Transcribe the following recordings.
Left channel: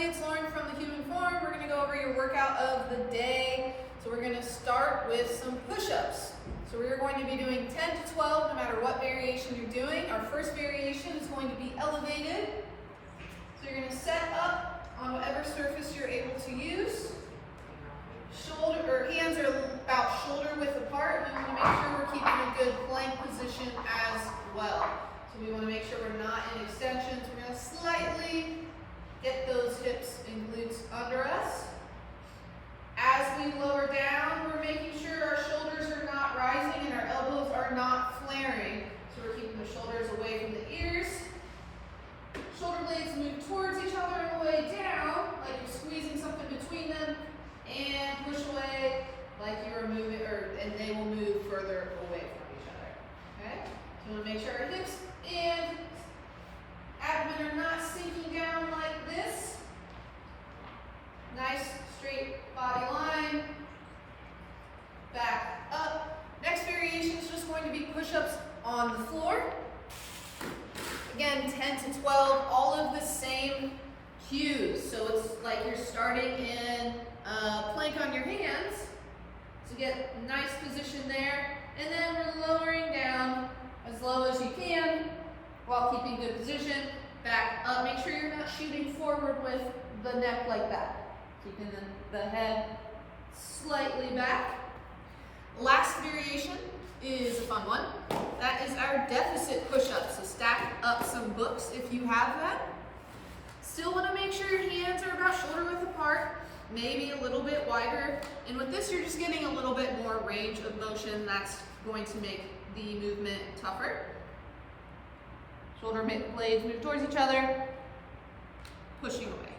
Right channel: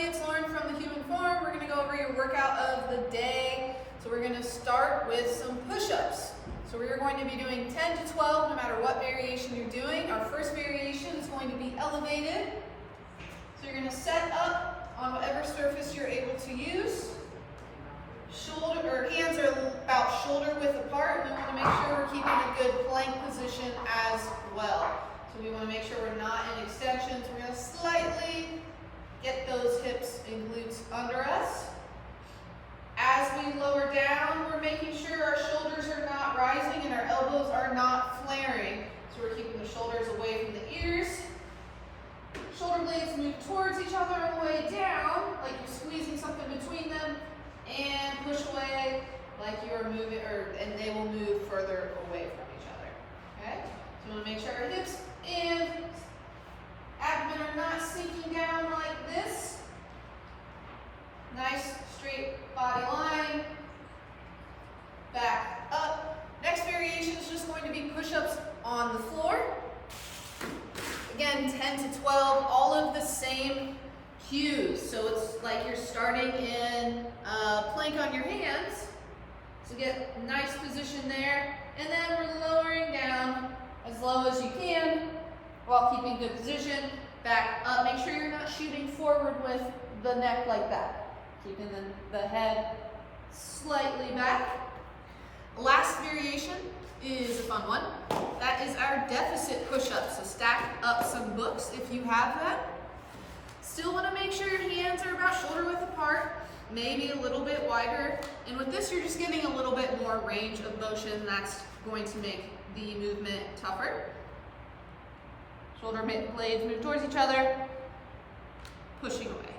It's Lauren from The Human Form. We're going to go over your workout of the day. So we're going to start with some push-ups. So we're going to be doing 10 to 12 no matter what variation you're doing. Our first variation is going to be elevated. So you're going to set up on whatever surface you're able to use. Hands are about shoulder width apart. We want to make sure we're keeping a good plank position as well. So we want to make sure we're not in extensions. We're going to slightly get those hips and glutes under us. As we lower down, we're making sure our shoulders are not rising and our elbows are not flaring. So we're keeping the shoulders away from the ears. Shoulder blades move towards each other on the way down, like you're squeezing something between them, and push away like you're moving, and they will move further away from each other. Okay? So we want to make sure our hips and abdomen are not sinking down like this. Nice straight body line. Back up. Next variation is just going to be push-ups on the floor. Again, 10 to 12, all of the same cues. So it's like you're starting in plank on your hands. So get a nice position there. And then we're lowering down as low as you can while keeping good position. Back up. Make sure you're not shooting forward with the neck like that. Keeping the head slightly back. Last variation is a fun one. That is our deficit push-up. So stack up some books if you have them. Still want to make sure your hands are about shoulder width apart, maybe a little bit wider. And with this, you're just getting a little bit more range of motion. That's going to make the movement tougher. Shoulder blades move towards each other, pushing away.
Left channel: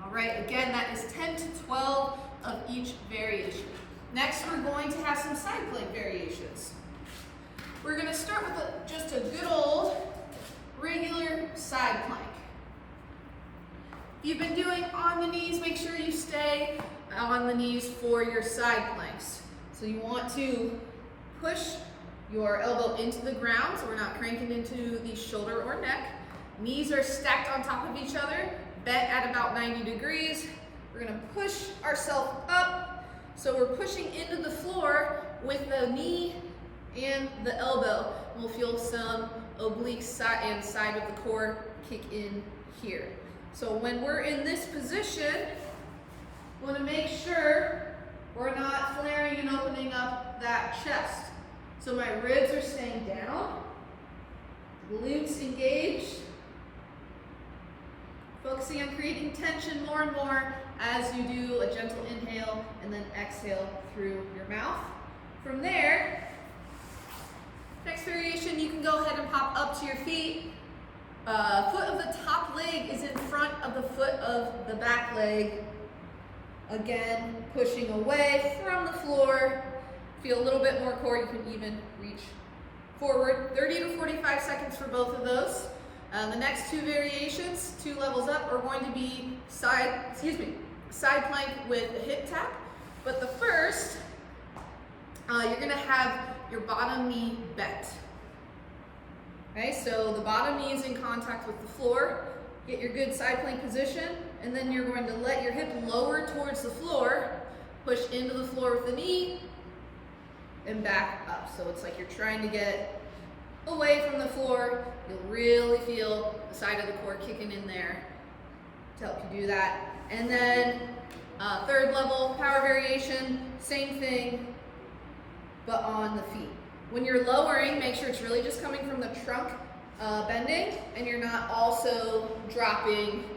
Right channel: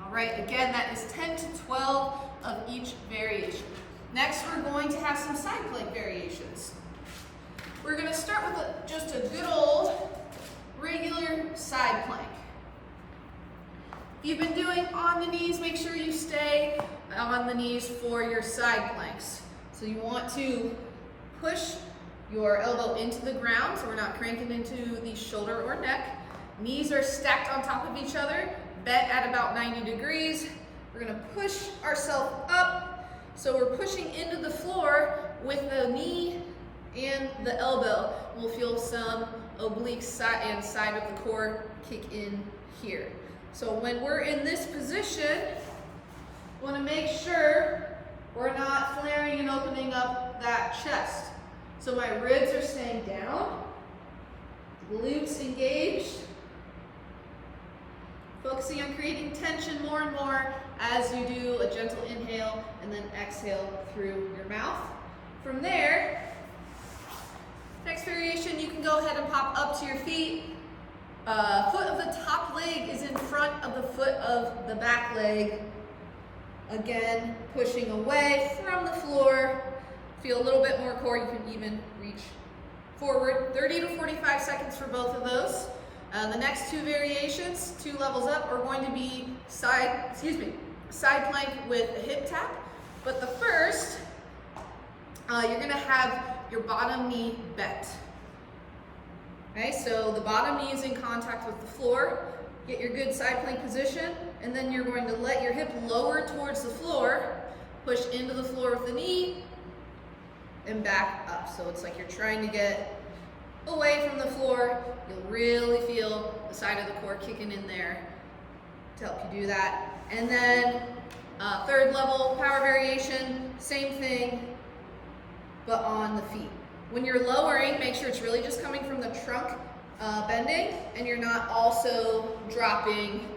All right, again, that is 10 to 12 of each variation. Next, we're going to have some side plank variations. We're going to start with just a good old regular side plank. If you've been doing on the knees, make sure you stay on the knees for your side planks. So you want to push your elbow into the ground, so we're not cranking into the shoulder or neck. Knees are stacked on top of each other, bent at about 90 degrees. We're gonna push ourselves up, so we're pushing into the floor with the knee and the elbow. We'll feel some oblique side and side of the core kick in here. So when we're in this position, we wanna make sure we're not flaring and opening up that chest. So my ribs are staying down, glutes engaged, focusing on creating tension more and more as you do a gentle inhale and then exhale through your mouth. From there, next variation, you can go ahead and pop up to your feet. Foot of the top leg is in front of the foot of the back leg. Again, pushing away from the floor. Feel a little bit more core, you can even reach forward. 30 to 45 seconds for both of those. The next two variations, 2 levels up, are going to be side plank with a hip tap. But the first, you're gonna have your bottom knee bent. Okay, so the bottom knee is in contact with the floor. Get your good side plank position, and then you're going to let your hip lower towards the floor, push into the floor with the knee, and back up. So it's like you're trying to get away from the floor. You'll really feel the side of the core kicking in there to help you do that. And then third level power variation, same thing, but on the feet. When you're lowering, make sure it's really just coming from the trunk bending, and you're not also dropping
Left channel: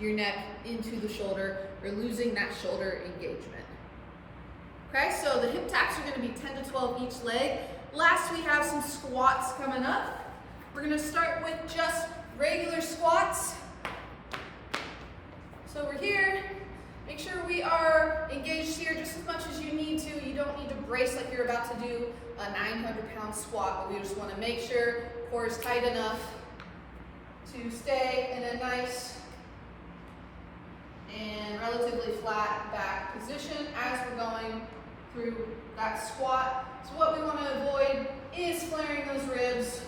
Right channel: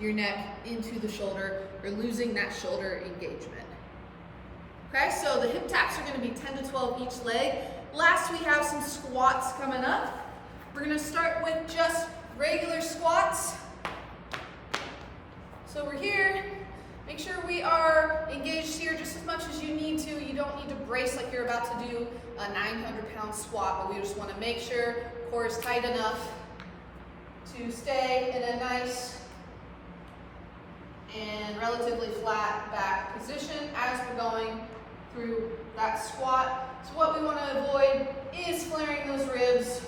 your neck into the shoulder or losing that shoulder engagement. Okay, so the hip taps are going to be 10 to 12 each leg. Last, we have some squats coming up. We're going to start with just regular squats. So we're here. Make sure we are engaged here just as much as you need to. You don't need to brace like you're about to do a 900-pound squat, but we just want to make sure core is tight enough to stay in a nice and relatively flat back position as we're going through that squat. So what we want to avoid is flaring those ribs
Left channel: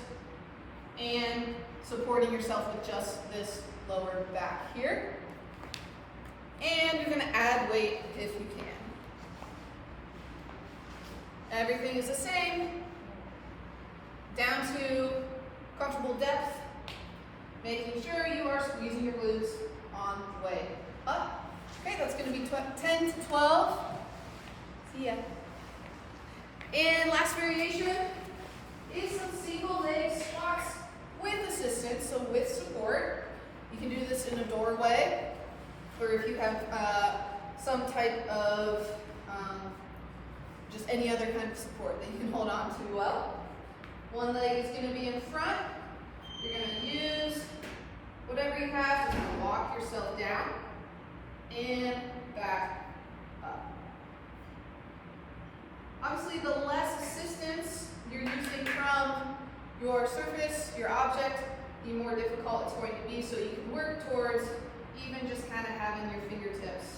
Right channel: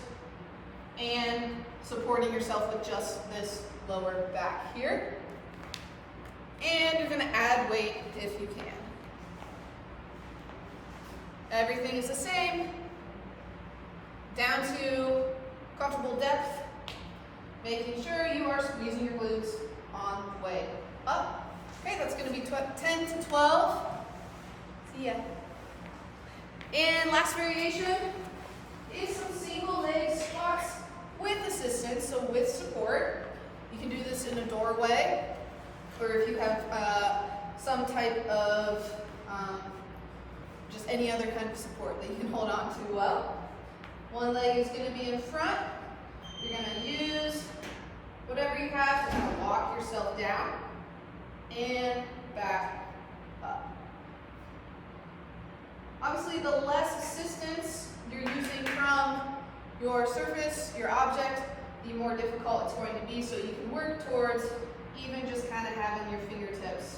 and supporting yourself with just this lower back here. And you're going to add weight if you can. Everything is the same. Down to comfortable depth. Making sure you are squeezing your glutes on the way up. Okay, that's going to be 10 to 12. See ya. And last variation is some single leg squats with assistance, so with support. You can do this in a doorway, or if you have some type of just any other kind of support that you can hold on to well. One leg is going to be in front. You're going to use whatever you have to kind of walk yourself down and back up. Obviously, the less assistance you're using from your surface, your object, the more difficult it's going to be. So you can work towards even just kind of having your fingertips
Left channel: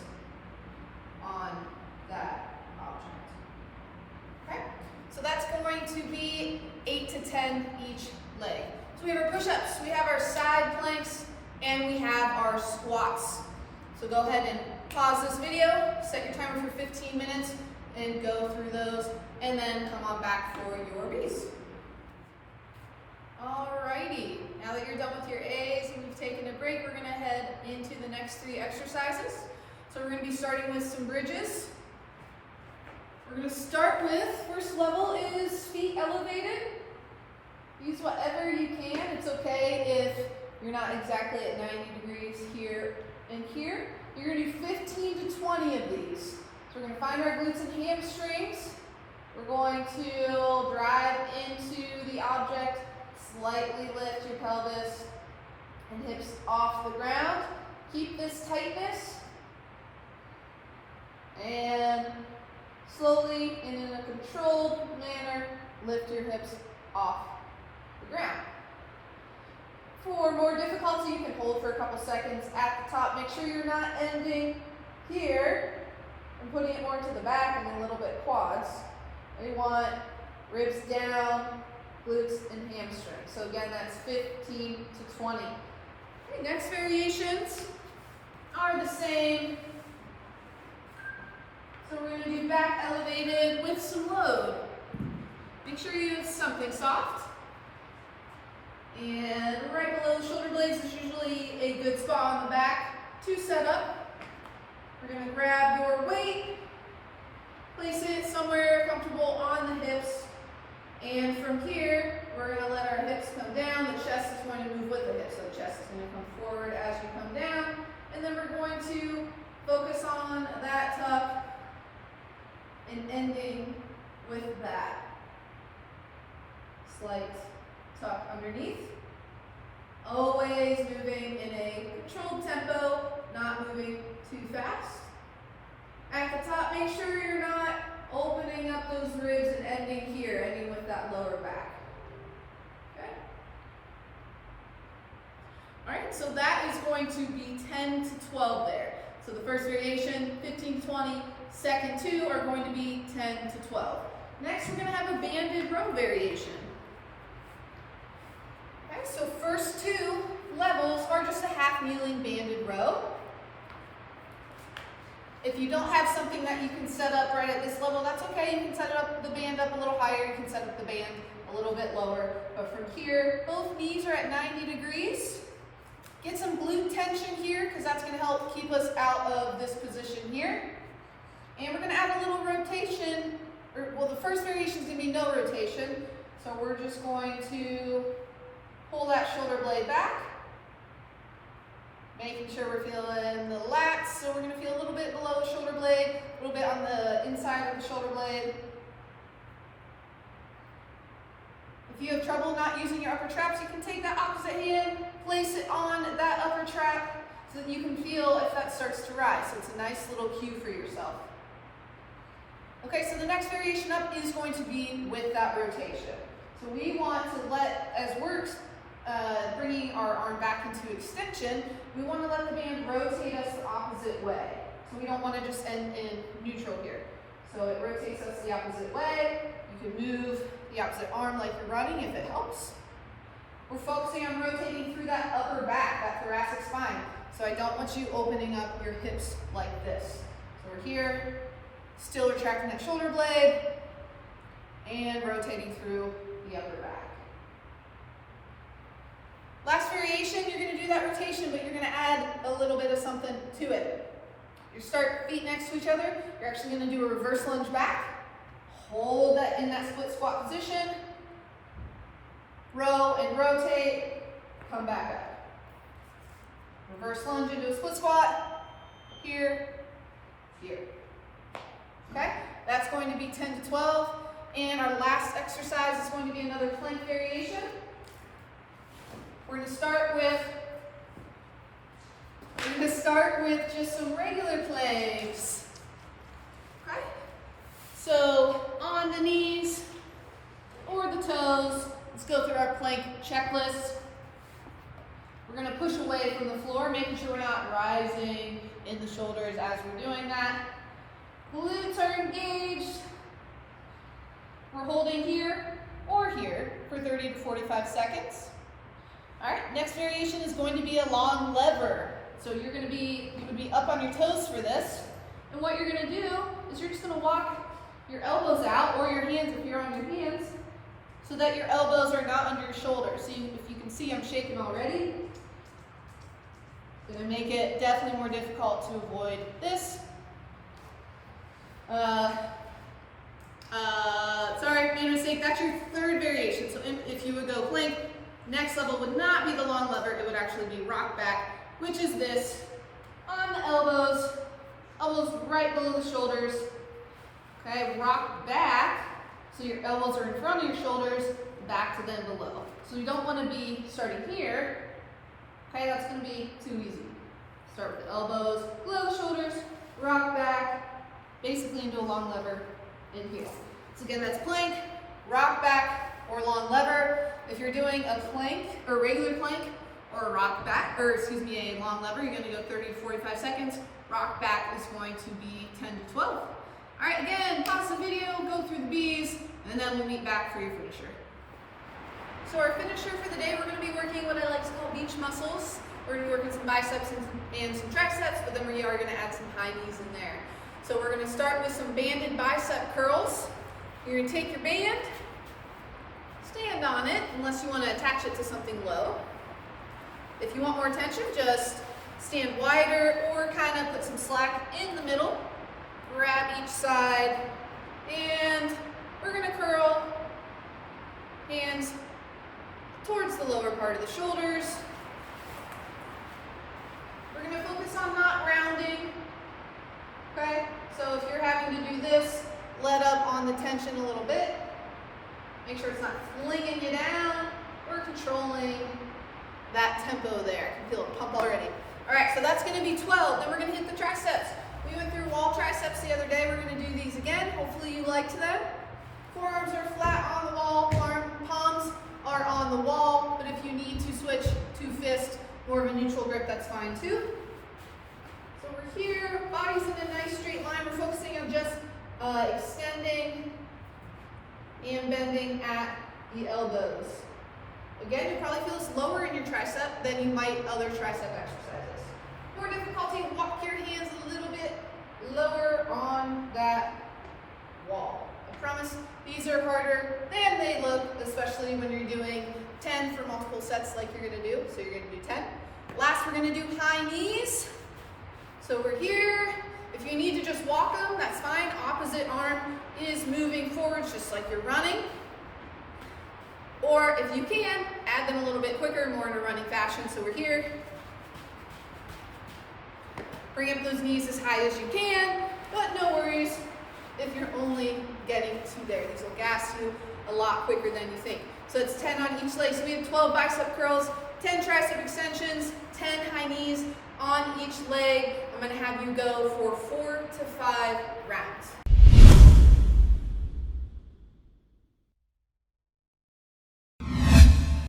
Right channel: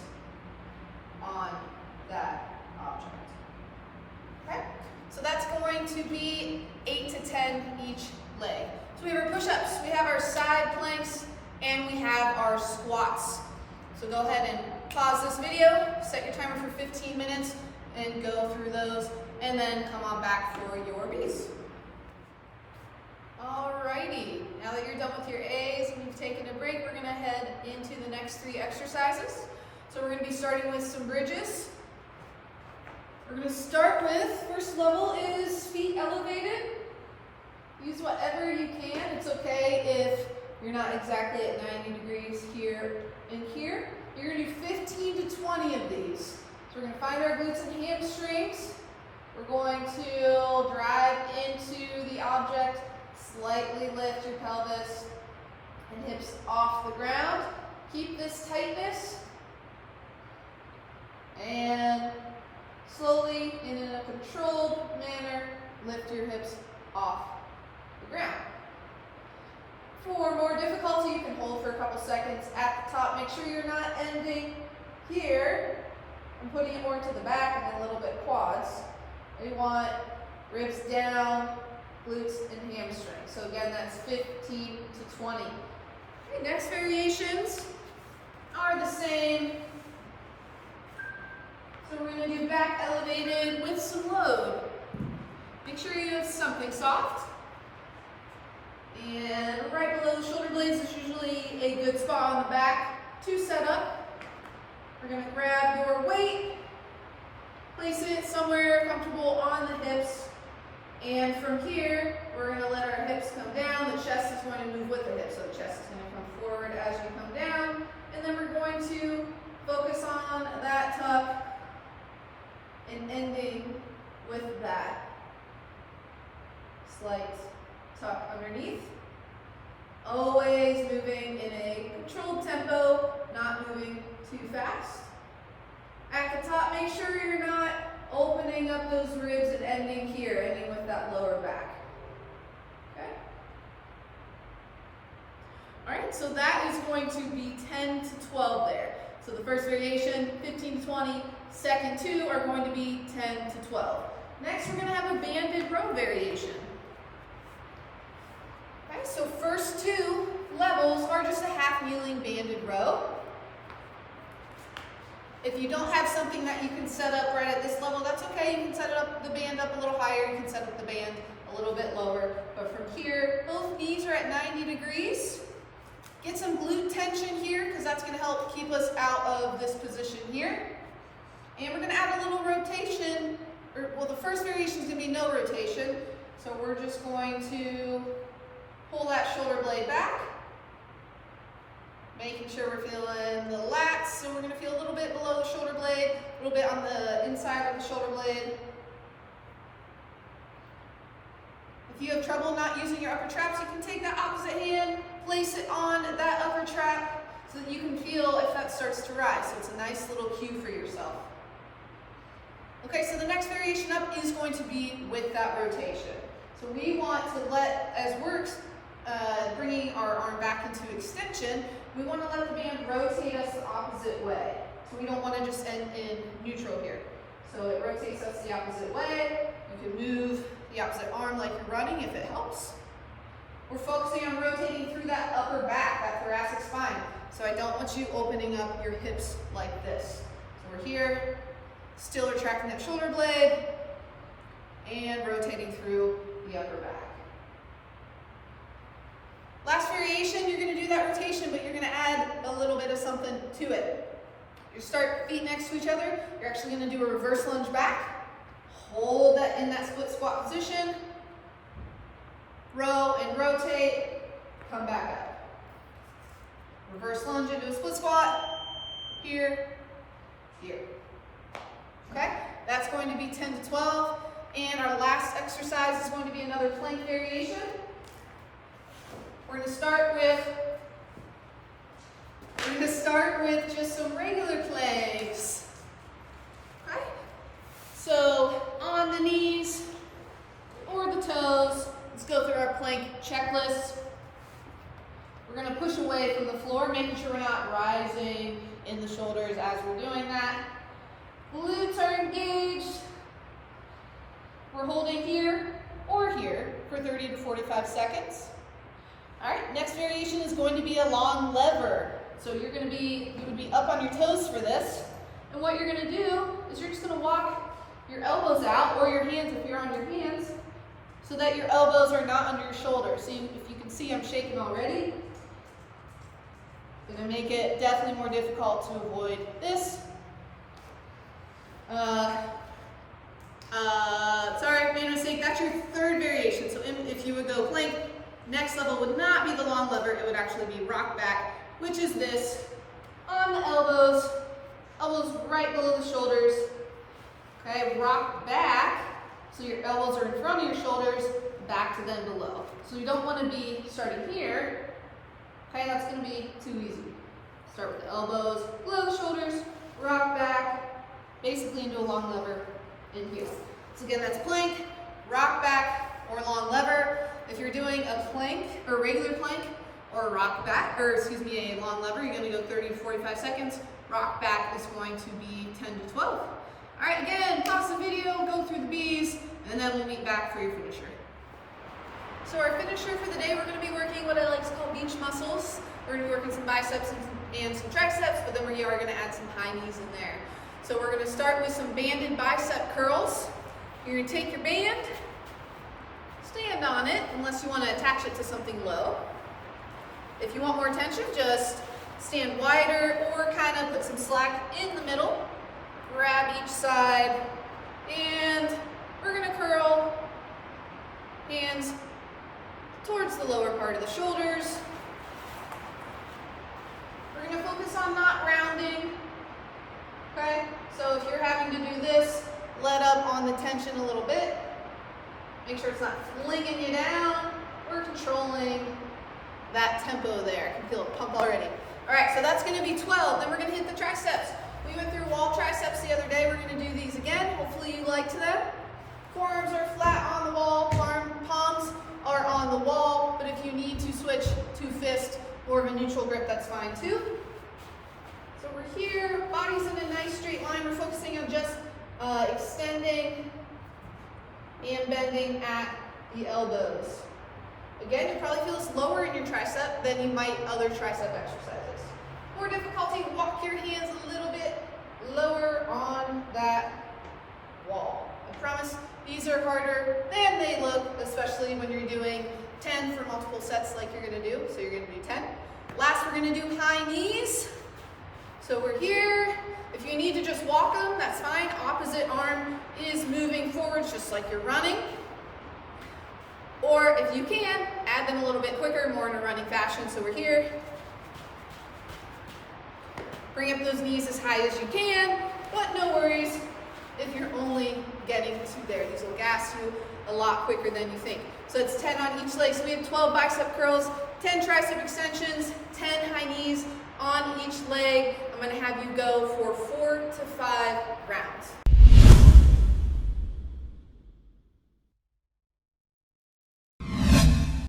on that object. Okay? So that's going to be 8 to 10 each leg. So we have our push-ups, we have our side planks, and we have our squats. So go ahead and pause this video, set your timer for 15 minutes, and go through those, and then come on back for your B's. Alrighty, now that you're done with your A's and you've taken a break, we're gonna head into the next 3 exercises. So we're gonna be starting with some bridges. We're gonna start with, first level is feet elevated. Use whatever you can. It's okay if you're not exactly at 90 degrees here and here. You're gonna do 15 to 20 of these. So we're gonna find our glutes and hamstrings. We're going to drive into the object, slightly lift your pelvis and hips off the ground. Keep this tightness. And slowly, in a controlled manner, lift your hips off the ground. For more difficulty, you can hold for a couple seconds at the top. Make sure you're not ending here and putting it more to the back and then a little bit quads. We want ribs down, glutes and hamstrings. So again, that's 15 to 20. Okay, next variations are the same. So we're going to do back elevated with some load. Make sure you have something soft. And right below the shoulder blades is usually a good spot on the back to set up. We're going to grab your weight, place it somewhere comfortable on the hips. And from here, we're going to let our hips come down. The chest is going to move with the hips. So the chest is going to come forward as you come down. And then we're going to focus on that tuck and ending with that slight tuck underneath. Always moving in a controlled tempo, not moving too fast. At the top, make sure you're not opening up those ribs and ending here, ending with that lower back. Okay? All right, so that is going to be 10 to 12 there. So the first variation, 15 to 20, second 2 are going to be 10 to 12. Next, we're going to have a banded row variation. Okay, so first 2 levels are just a half kneeling banded row. If you don't have something that you can set up right at this level, that's okay. You can set it up, the band up a little higher. You can set up the band a little bit lower. But from here, both knees are at 90 degrees. Get some glute tension here because that's going to help keep us out of this position here. And we're going to add a little rotation. Well, the first variation is going to be no rotation. So we're just going to pull that shoulder blade back. Making sure we're feeling the lats, so we're going to feel a little bit below the shoulder blade, a little bit on the inside of the shoulder blade. If you have trouble not using your upper traps, you can take that opposite hand, place it on that upper trap so that you can feel if that starts to rise. So it's a nice little cue for yourself. Okay, so the next variation up is going to be with that rotation. So we want to let, as we're bringing our arm back into extension, we want to let the band rotate us the opposite way. So we don't want to just end in neutral here. So it rotates us the opposite way. You can move the opposite arm like you're running if it helps. we're focusing on rotating through that upper back, that thoracic spine. So I don't want you opening up your hips like this. So we're here, still retracting that shoulder blade, and rotating through the upper back. Last variation, you're gonna do that rotation, but you're gonna add a little bit of something to it. You start feet next to each other, you're actually gonna do a reverse lunge back. Hold that in that split squat position. Row and rotate, come back up. Reverse lunge into a split squat, here, here. Okay, that's going to be 10 to 12. And our last exercise is going to be another plank variation. We're going to start with just some regular planks. Okay? So on the knees or the toes, let's go through our plank checklist. We're going to push away from the floor, making sure we're not rising in the shoulders as we're doing that. Glutes are engaged. We're holding here or here for 30 to 45 seconds. All right, next variation is going to be a long lever. So you would be up on your toes for this. And what you're gonna do is you're just gonna walk your elbows out, or your hands if you're on your hands, so that your elbows are not under your shoulders. So if you can see, I'm shaking already. Gonna make it definitely more difficult to avoid this. Sorry, made a mistake. That's your third variation. So if you would go plank, next level would not be the long lever, it would actually be rock back, which is this, on the elbows, elbows right below the shoulders. Okay, rock back, so your elbows are in front of your shoulders, back to them below. So you don't want to be starting here. Okay, that's going to be too easy. Start with the elbows below the shoulders, rock back, basically into a long lever in here. So again, that's plank, rock back, or long lever. If you're doing a plank, or regular plank, or a rock back, or excuse me, a long lever, you're going to go 30 to 45 seconds. Rock back is going to be 10 to 12. All right, again, pause the video, go through the B's, and then we'll meet back for your finisher. So our finisher for the day, we're going to be working what I like to call beach muscles. We're going to be working some biceps and some triceps, but then we are going to add some high knees in there. So we're going to start with some banded bicep curls. You're going to take your band, stand on it, unless you want to attach it to something low. If you want more tension, just stand wider or kind of put some slack in the middle. Grab each side, and we're going to curl hands towards the lower part of the shoulders. We're going to focus on not rounding. Okay, so if you're having to do this, let up on the tension a little bit. Make sure it's not flinging you down. We're controlling that tempo there. I can feel it pump already. All right, so that's going to be 12. Then we're going to hit the triceps. We went through wall triceps the other day. We're going to do these again. Hopefully you liked them. Forearms are flat on the wall. Palms are on the wall. But if you need to switch to fist, more of a neutral grip, that's fine too. So we're here, body's in a nice straight line. We're focusing on just extending and bending at the elbows. Again, you'll probably feel this lower in your tricep than you might other tricep exercises. More difficulty, walk your hands a little bit lower on that wall. I promise these are harder than they look, especially when you're doing 10 for multiple sets like you're gonna do. So you're gonna do 10. Last, we're gonna do high knees. So we're here. If you need to just walk them, that's fine. Opposite arm is moving forwards just like you're running. Or if you can, add them a little bit quicker, more in a running fashion. So we're here. Bring up those knees as high as you can, but no worries if you're only getting to there. These will gas you a lot quicker than you think. So it's 10 on each leg. So we have 12 bicep curls, 10 tricep extensions, 10 high knees on each leg. I'm going to have you go for 4 to 5 rounds.